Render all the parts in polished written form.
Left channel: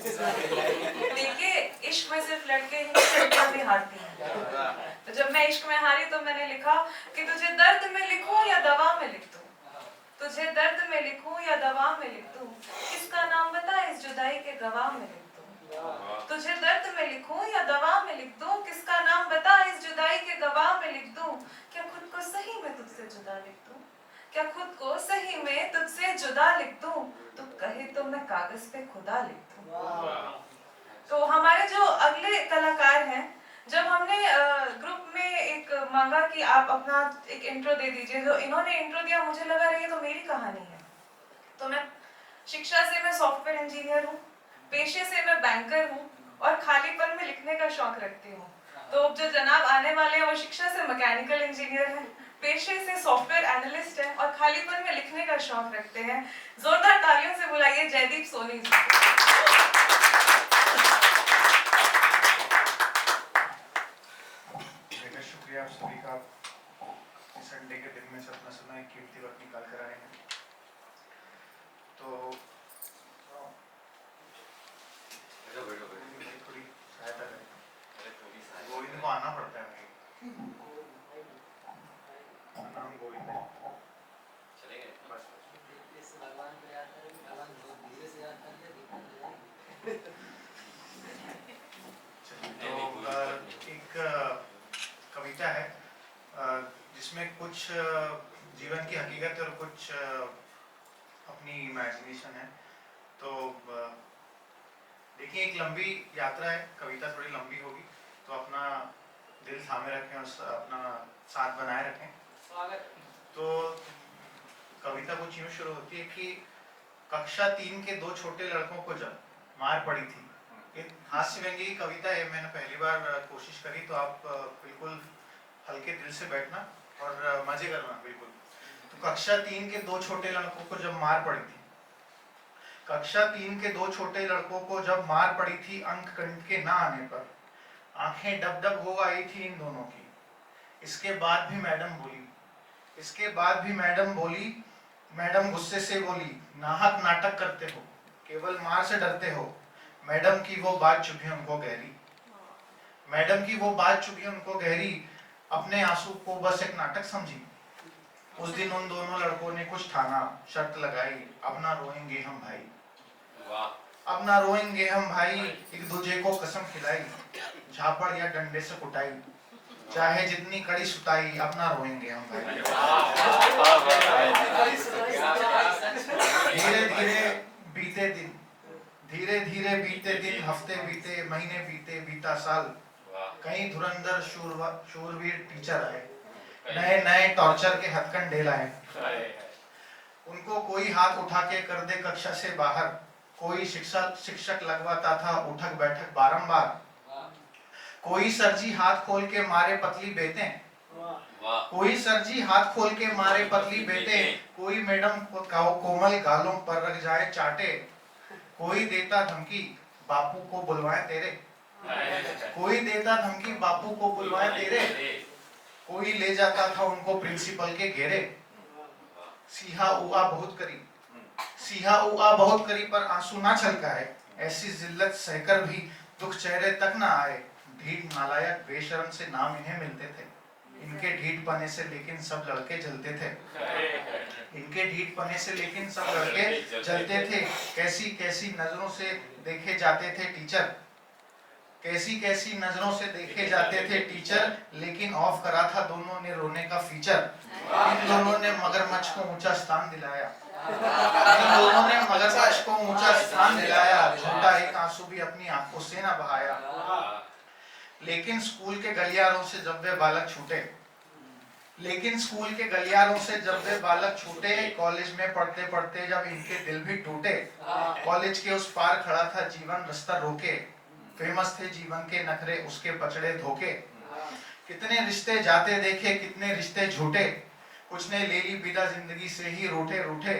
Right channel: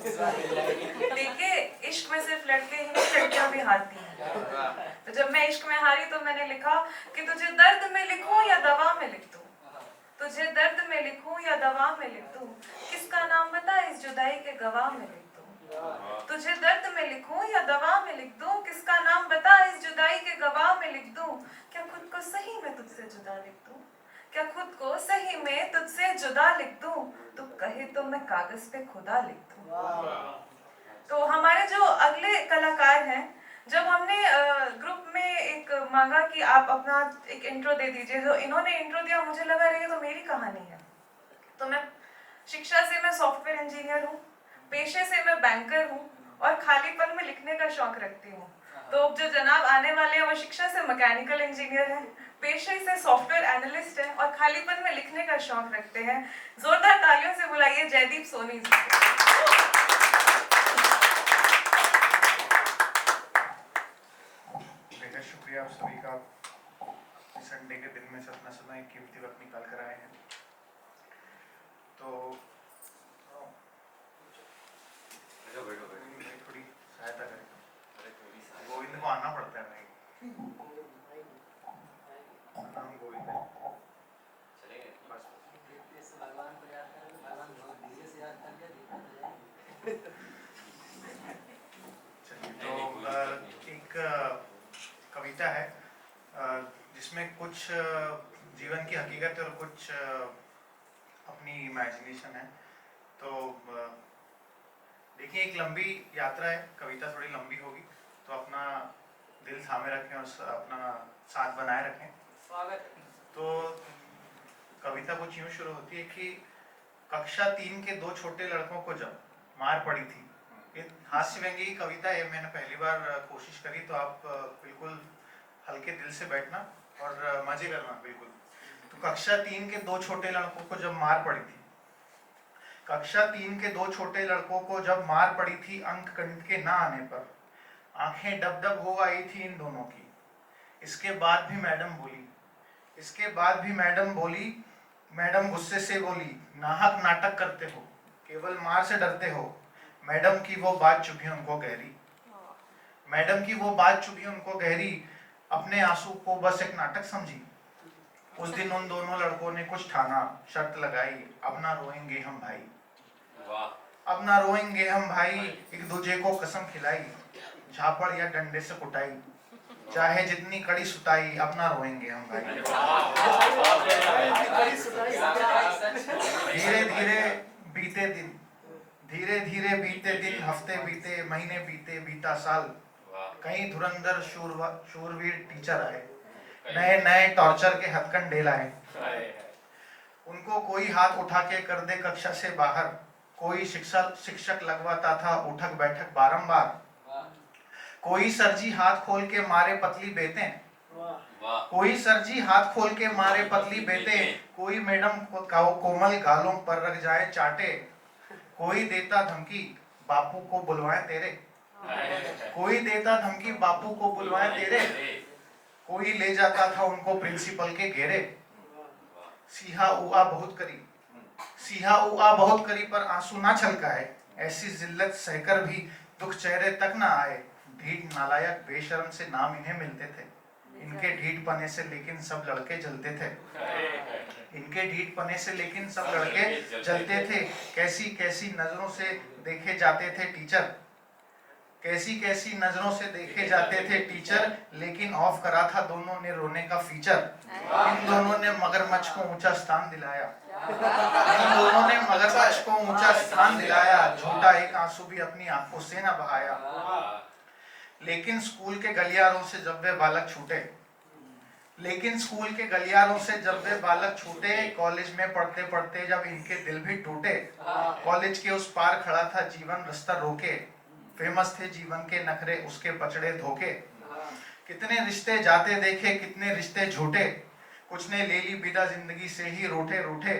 देखिए, इश्क में सिर्फ लड़के ही नहीं, लड़कियां भी हारती हैं। तो जब मैं इश्क में हारी तो मैंने लिखा कि तुझे दर्द में लिखूं या दवा में लिख दूं, तुझे दर्द में लिखूं या दवा में लिख दूं, किसका नाम बता इस जुदाई के गवाह में लिख दूं। तुझे दर्द में लिखूं या दवा में लिख दूं, किसका नाम बता इस जुदाई के गवाह में लिख दूं। क्या खुद को सही में तुझसे जुदा लिख दूं, क्या खुद को सही में तुझसे जुदा लिख दूं, तू कहे तो मैं कागज पे खुदा लिख दूं। तो हमारे जो अगले कलाकार हैं, जब हमने ग्रुप में एक मांगा कि आप अपना एक इंट्रो दे दीजिए, तो इन्होंने इंट्रो दिया, मुझे लगा ये तो मेरी कहानी है। तो मैं शिक्षा से मैं सॉफ्टवेयर इंजीनियर हूँ, पेशे से मैं बैंकर हूँ और खालीपन में लिखने का शौक रखती हूँ। तो जो जनाब आने वाले हैं वो शिक्षा से मैकेनिकल इंजीनियर हैं, पेशे से सॉफ्टवेयर एनालिस्ट हैं और खालीपन में लिखने का शौक रखते हैं। जोरदार तालियों से बुलाइए जयदीप सोनी जी। शुक्रिया आप सभी का इस संडे के दिन में अपना समय कीमती वक्त निकाल कर आए हैं। तो थोड़ी सहायता करें, गोविंद को आना पड़ता है भाई, नाम गोविंद है। चलेंगे बस भगवान को याद करें, भगवान बहुत धीरे से याद कर लिया। तो एक कविता है जिसमें कुछ जीवन की हकीकत और कुछ अपनी इमेजिनेशन है। तो देखिए, एक लंबी यात्रा है, कविता थोड़ी लंबी होगी, तो अपना दिल थामे रखें और अपना साथ बनाए रखें। स्वागत। तो कविता कुछ यूँ शुरू होती है कि कक्षा 3 के 2 छोटे लड़कों को जब मार पड़ी थी। ये हास्य व्यंग्य की कविता है, मैंने पहली बार कोशिश करी, तो आप बिल्कुल हल्के दिल से बैठना और मजे करना बिल्कुल। तो कक्षा 3 के 2 छोटे लड़कों को जब मार पड़ी थी, कक्षा 3 के 2 छोटे लड़कों को जब मार पड़ी थी, अंक गणित के ना आने पर आंखें डब डब हो आई थी इन दोनों की। इसके बाद भी मैडम बोली, इसके बाद भी मैडम बोली, मैडम गुस्से से बोली, नाहक नाटक करते हो, केवल मार से डरते हो। मैडम की वो बात चुभी उनको गहरी, मैडम की वो बात चुभी उनको गहरी, अपने आंसू को बस एक नाटक समझी। उस दिन उन दोनों लड़कों ने कुछ ठाना, शर्त लगाई, अब ना रोएंगे हम भाई, अब ना रोएंगे हम भाई। एक दूजे को कसम खिलाई, झापड़ या डंडे से कुटाई, चाहे जितनी कड़ी सुताई, अब ना रोएंगे हम भाई। धीरे धीरे बीते दिन, धीरे धीरे बीते दिन, हफ्ते बीते, महीने बीते, बीता साल। कहीं धुरंधर शूरवीर टीचर आए, नए नए टॉर्चर के हथकंडे लाए। उनको कोई हाथ उठा के कर दे कक्षा से बाहर, कोई शिक्षक लगवाता था उठक बैठक बारंबार। कोई सरजी हाथ खोल के मारे पतली बेतें, कोई सरजी हाथ खोल के मारे पतली बेतें, कोई मैडम कोमल गालों पर रख जाए चाटे। कोई देता धमकी, बापू को बुलवाए तेरे, कोई देता धमकी, बापू को बुलवाए तेरे। कोई ले जाता था उनको प्रिंसिपल के घेरे। सीहा उआ बहुत करी, सीहा उआ बहुत करी, पर आंसू ना छलकाए। ऐसी जिल्लत सहकर भी दुख चेहरे तक ना आए। ढीठ नालायक बेशर्म से नाम इन्हें मिलते थे, इनके ढीठ पने से लेकिन सब लड़के जलते थे, इनके ढीठ पने से लेकिन सब लड़के जलते थे। कैसी कैसी नजरों से देखे जाते थे टीचर, कैसी कैसी नजरों से देखे जाते थे टीचर, लेकिन ऑफ करा था दोनों ने रोने का फीचर। इन दोनों ने मगरमच्छ को ऊंचा स्थान दिलाया, इन दोनों ने मगरमच्छ को ऊंचा स्थान दिलाया। झूठा एक आंसू भी अपनी आंखों से न बहाया। लेकिन स्कूल के गलियारों से जब वे बालक छूटे, लेकिन स्कूल के गलियारों से जब वे बालक छूटे, कॉलेज में पढ़ते पढ़ते जब इनके दिल भी टूटे। कॉलेज के उस पार खड़ा था जीवन रास्ता रोके, फेमस थे जीवन के नखरे उसके पचड़े धोखे। कितने रिश्ते जाते देखे, कितने रिश्ते झूठे, कुछ ने ले ली विदा जिंदगी से ही रूठे रूठे।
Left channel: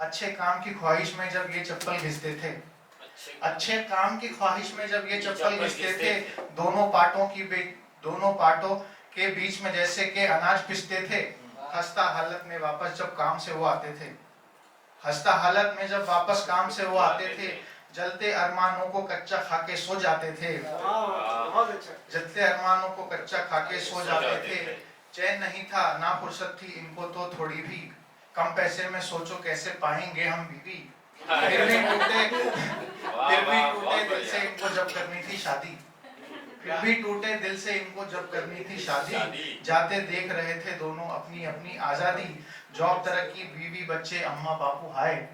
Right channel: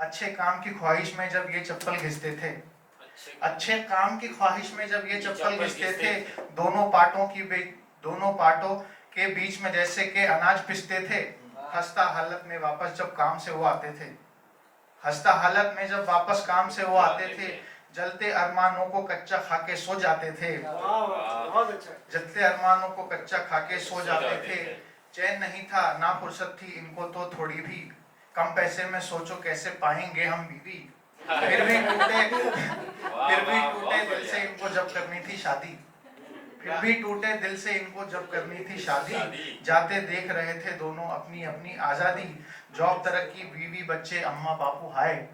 अच्छे काम की ख्वाहिश में जब ये चप्पल घिसते थे, अच्छे काम की ख्वाहिश में जब ये चप्पल घिसते थे, दोनों पार्टों के बीच में जैसे के अनाज पिसते थे। हंसता हालत में वापस जब काम से वो आते थे, हंसता हालत में जब वापस काम से वो आते थे, जलते अरमानों को कच्चा खा के सो जाते थे, बहुत अच्छा। जलते अरमानों को कच्चा खा के सो जाते थे। चैन नहीं था ना फुर्सत थी इनको तो थोड़ी भी, कम पैसे में सोचो कैसे पाएंगे हम बीवी। फिर भी टूटे दिल से इनको जब करनी थी शादी, फिर भी टूटे दिल से इनको जब करनी थी शादी। जाते देख रहे थे दोनों अपनी अपनी आजादी, जॉब तरक्की बीवी बच्चे अम्मा बापू हाय,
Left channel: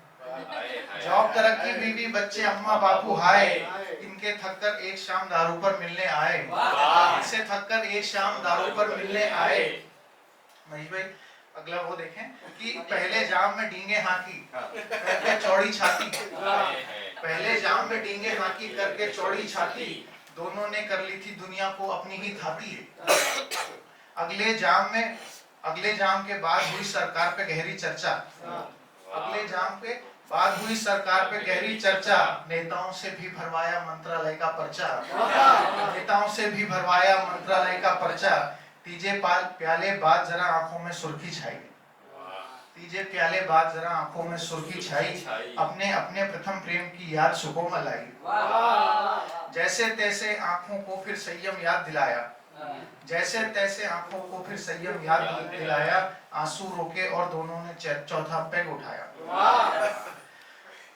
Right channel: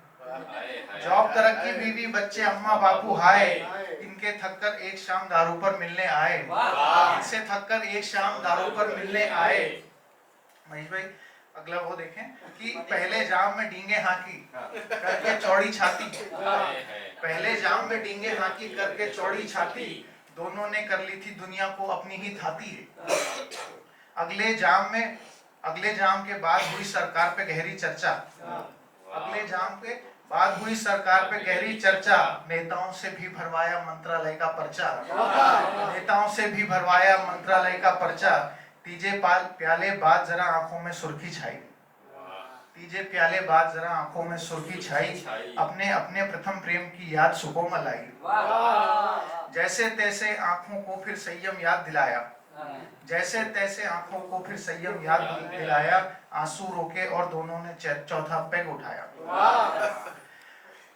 जॉब तरक्की बीवी बच्चे अम्मा बापू हाय। इनके थककर एक शाम दारू पर मिलने आए, इनसे थककर एक शाम दारू पर मिलने आए। महेश भाई अगला वो देखें कि पहले जाम में डींगे हाकी करके चौड़ी छाती, पहले जाम में डींगे हाकी करके चौड़ी छाती, दोनों ने कर ली थी दुनिया को अपनी ही थाती। अगले जाम के बाद हुई सरकार पे गहरी चर्चा, अगले जाम के बाद हुई सरकार पे गहरी चर्चा, नेताओं से भी भरवाया मंत्रालय का पर्चा, नेताओं से भी भरवाया मंत्रालय का पर्चा। तीजे प्याले बाद जरा आंखों में सुर्खी छाई, तीजे प्याले बाद जरा आंखों में सुर्खी छाई, अपने अपने प्रथम प्रेम की याद सुकोमल आई। जैसे तैसे आंखों को फिर संयम याद दिलाया, जैसे तैसे आंखों को फिर संयम याद दिलाया, आंसू रोके और दोनों ने चौथा पैग उठाया।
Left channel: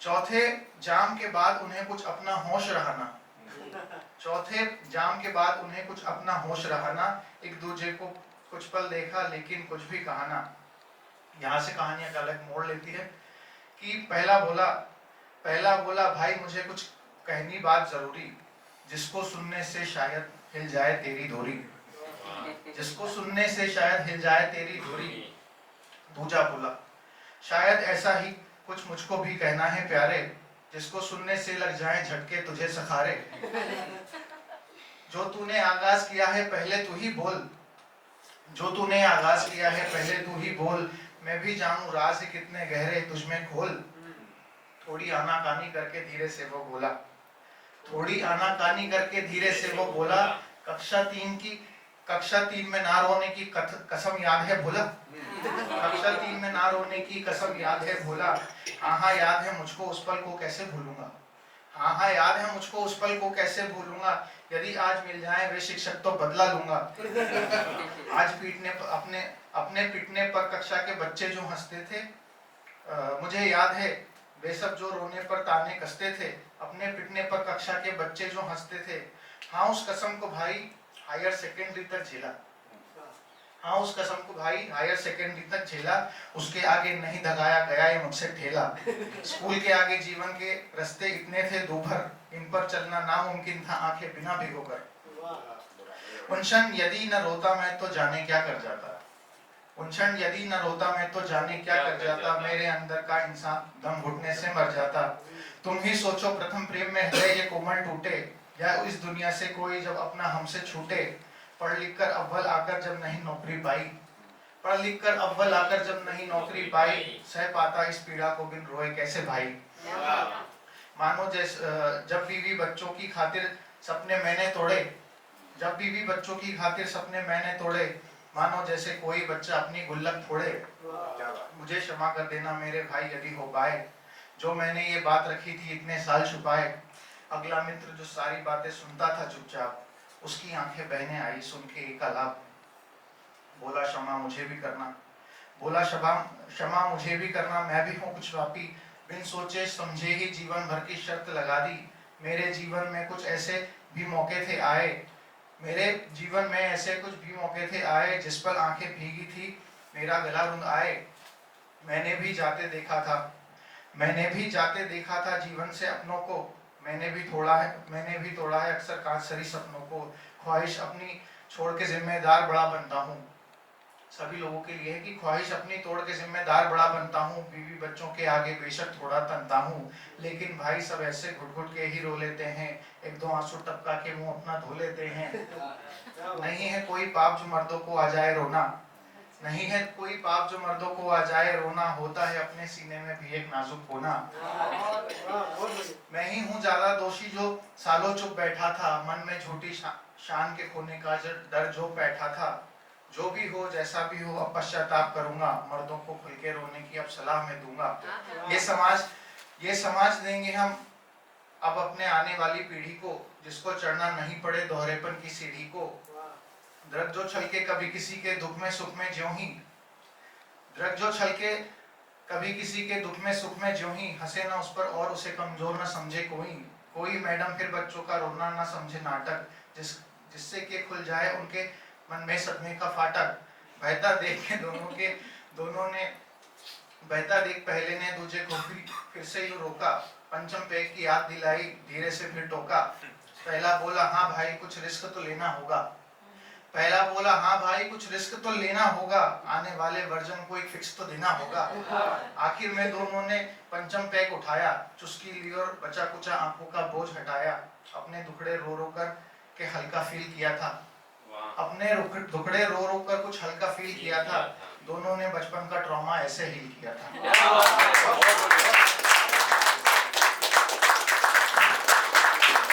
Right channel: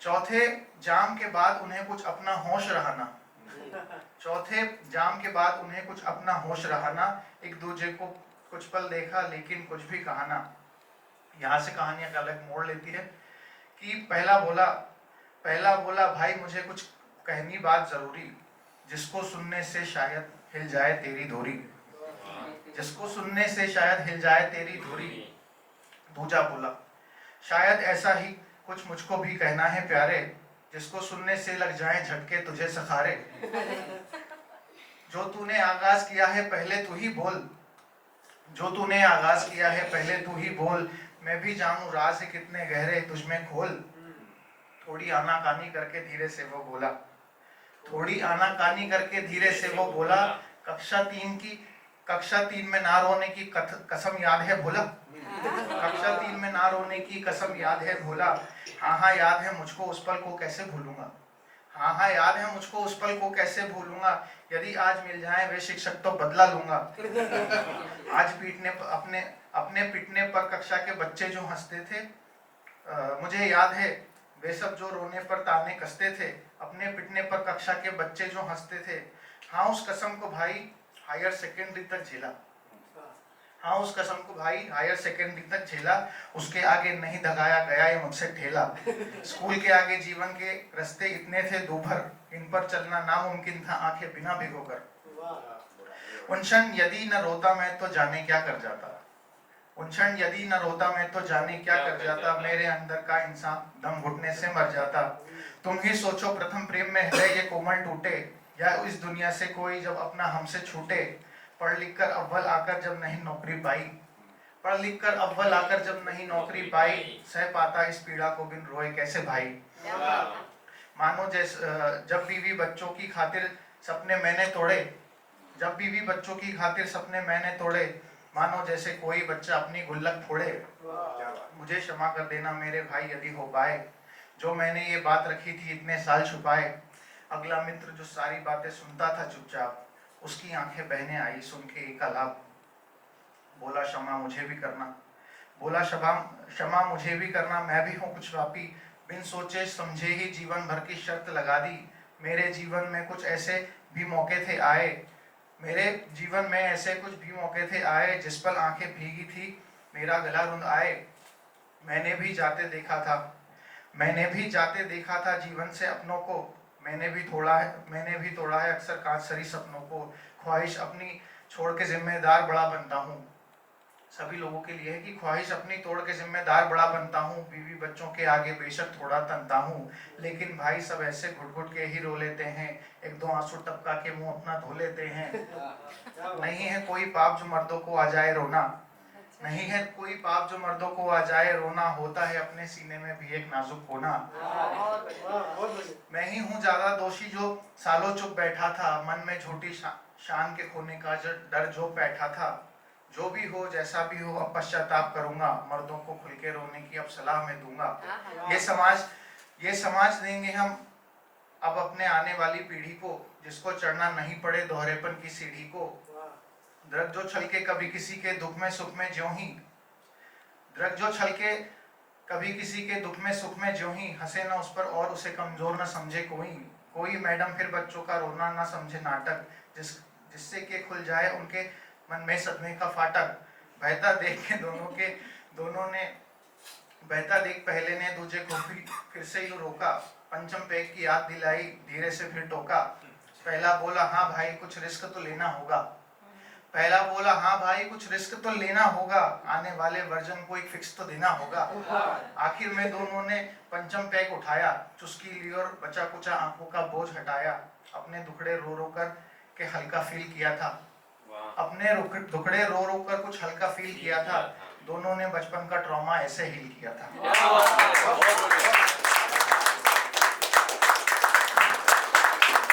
चौथे जाम के बाद उन्हें कुछ अपना होश रहा ना, चौथे जाम के बाद उन्हें कुछ अपना होश रहा ना, एक दूसरे को कुछ पल देखा लेकिन कुछ भी कहा ना। यहाँ से कहानियां का अलग मोड़ लेती है कि पहला बोला भाई मुझे कुछ कहनी बात जरूरी, जिसको सुनने से शायद हिल जाए तेरी धोरी, जिसको सुनने से शायद हिल जाए तेरी धोरी। दूजा बोला शायद ऐसा ही कुछ मुझको भी कहना है प्यारे, जिसको सुनने से लग जाए झटके तुझे सखारे। जो तूने आगाज किया है पहले तू ही बोल, जो तूने आगाज किया है पहले तू ही बोल, मैं भी जानूं राज कितने गहरे तुझमें खोल। थोड़ी आनाकानी करके धीरे से वो बोला, थोड़ी आनाकानी करके धीरे से वो बोला, कक्षा 3 में ना रोने की कसम याद है भोला, कक्षा 3 में ना रोने की कसम याद है भोला। हाँ याद है मुझको उस पल को कैसे भूलूंगा, हाँ याद है मुझको उस पल को कैसे भूलूंगा, यदि आज मिल जाए वे शिक्षक तो बदला लूंगा। आज अपने पिटने पर कक्षा के बच्चे जो हंसते थे, मुझे याद है वे सब जो रोने पर ताने कसते थे, अपने पिटने पर कक्षा के बच्चे जो हंसते थे। हाँ उस कसम को भाई हायर सेकेंडरी तक झेला, हाँ उस कसम को भाई हायर सेकेंडरी तक झेला, उसके आगे नहीं दगाया गया ये मुझसे ठेला। स्कूल के आगे जीवन के रास्ते इतने थे दूभर, इन पर चलना नामुमकिन था आंखें बिना भिगोकर। उन क्षण यदि न रोता मैं तो जाने क्या कर जाता, उन क्षण यदि न रोता मैं तो जाने क्या कर जाता, मेरे अंदर का इंसान दम घुटने से मर जाता। तुम ही सोचो प्रथम प्रेम में हृदय ये कोमल टूटे, या इस दुनिया से कोई जब अपना हमसे छूटे। पढ़ लिख कर अव्वल आकर जब नहीं नौकरी पाई, पढ़ लिख कर अव्वल आकर जब नहीं नौकरी पाई, सह पाता इस पीड़ा को बिन रोए कैसे भाई। मानो जैसे जब बीवी बच्चों की खातिर सपने मैंने तोड़े, जब बीवी बच्चों की खातिर सपने मैंने तोड़े, मानो जैसे कोई बच्चा अपनी गुल्लक फोड़े। मुझे क्षमा कर देना मेरे भाई यदि हो पाए, जो मैंने ये बात रखी थी इतने साल छुपाए। अगला मित्र जो सारी बातें सुनता था चुपचाप, उसकी आंखें बहने आई सुन के एक आलाप। बोला क्षमा मुझे भी करना, बोला क्षमा मुझे भी करना, मैं भी हूँ कुछ पापी, बिन सोचे समझे ही जीवन भर की शर्त लगा दी। मेरे जीवन में कुछ ऐसे भी मौके थे आए, मेरे जीवन में ऐसे कुछ भी मौके थे आए, जिस पर आंखें भीगी थी मेरा गला रुंध आए। मैंने भी जाते देखा था जीवन से अपनों को, मैंने भी तोड़ा है अक्सर कांचसरी सपनों को। ख्वाहिश अपनी छोड़ के जिम्मेदार बड़ा बनता हूँ, सभी लोगों के लिए है कि ख्वाहिश अपनी तोड़ के जिम्मेदार बड़ा बनता हूँ। बीवी बच्चों के आगे बेशक थोड़ा तनता हूँ, लेकिन भाई सब ऐसे घुट घुट के ही रो लेते हैं, एक दो आंसू टपका के मुंह अपना धो लेते हैं। नहीं है कोई पाप जो मर्दों को आ जाए रोना, नहीं है कोई पाप जो मर्दों को आ जाए रोना, होता है अपने सीने में भी एक नाजुक कोना। मैं ही हूँ ज्यादा दोषी जो सालों चुप बैठा था, मन में झूठी शान के खोने का डर जो बैठा था। जो भी हो जैसा भी हो अब पश्चाताप करूंगा, मर्दों को खुल के रोने की अब सलाह मैं दूंगा। ये समाज देंगे हम अब अपने आने वाली पीढ़ी को, जिसको चढ़ना नहीं पड़े दोहरेपन की सीढ़ी को। दृढ़ जो छलके कभी किसी के दुख में सुख में ज्यों ही, दृढ़ जो छलके कभी किसी के दुख में सुख में ज्यों ही, हंसे ना उस पर और उसे कमजोर न समझे कोई मैडम फिर बच्चों का रोना ना समझे नाटक, जिससे कि खुल जाए उनके मन में सदमे का फाटक। बहता देख के दोनों ने बहता देख पहले ने दूजे को फिर से यूं रोका, पंचम पैग की याद दिलाई धीरे से फिर टोका। पहला बोला हाँ भाई कुछ रिस्क तो लेना होगा, पहला बोला हाँ भाई कुछ रिस्क तो लेना होगा, आने वाले वर्जन को एक फिक्स तो देना होगा। आखिर में दोनों ने पंचम पैग उठाया, चुस्की ली और बचा कुचा आंखों का बोझ हटाया। अपने दुखड़े रो रो कर के हल्का फील किया था, अपने दुखड़े रो रो कर कुछ हल्का फील किया था। दोनों ने बचपन का ट्रॉमा ऐसे हील किया था।